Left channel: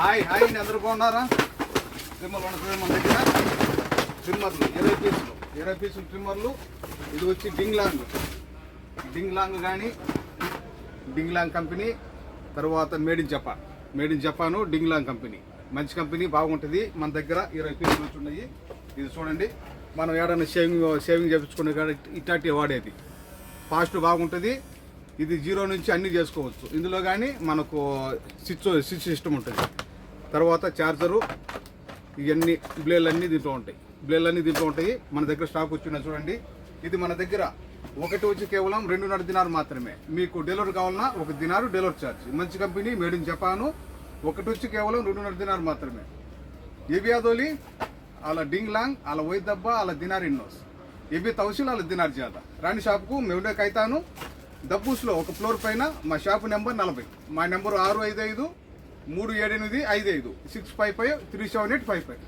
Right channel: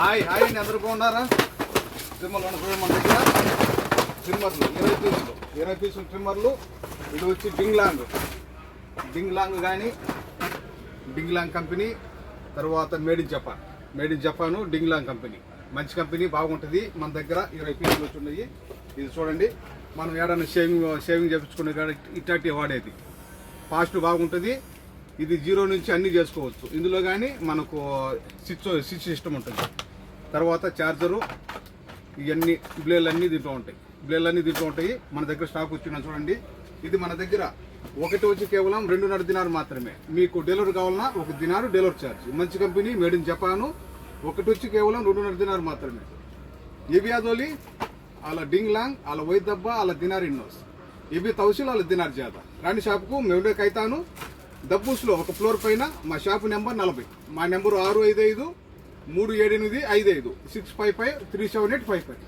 Hi hi అండి, అందరూ బాగున్నారా? ట్రిమ్మర్లు మన దగ్గర ట్రిమ్మర్లు 20 పీసులు ట్రిమ్మర్లు. ఇది వచ్చి డింగ్ లాంగ్ కానీ డింగ్ లాంగ్ కంపెనీ. తర్వాత made in Japan ding long company. మంచి కంపెనీ, బాగుంటుంది. మన దగ్గర 20 పీసులు వచ్చున్నాయి. ఇది చూడండి, మనం ఏడన్నా షేవింగ్ చేయించుకునే కాడ ఇట్లాంటివి వాడేది. ఫాస్ట్ బాగుంటుంది. ఇది 0 నుంచి అన్నీ చేసుకోవచ్చు. ఇందులో కానీ మనకు స్విచ్ సిస్టమ్ ఉంటుంది. తర్వాత ఛార్జరు, ఇవన్నీ బ్లేడ్లు అన్నీ దీంట్లో ఉంటాయి. మన దగ్గర స్టాక్ వచ్చిందని చూడండి. ఇది మన దగ్గర ఒకటి వచ్చి కేవలం 2.5 దినారు మాత్రమే. మీకు డెలివరీ కావాలన్నా 1 దినారు డెలివరీ ఛార్జ్. మంచి కంపెనీ, మేడ్ ఇన్ జపాను. ఒకటి వచ్చి కేవలం 2.5 దినారు మాత్రమే. ये भी आदोली అలా డింగ్ లాంగ్, అలా వైద్ దబ్బా, అలా దినార్ ఇన్నోస్. ఇవి తౌసిల్, అలా దినార్ జాదా. రాణి షాప్కు మేము కైతాను దబ్బూస్లో ఒక ఫ్లోర్ పైన. మా షాపు నెంబర్ 40. మా నెంబరు 655-378-55 655-378-55.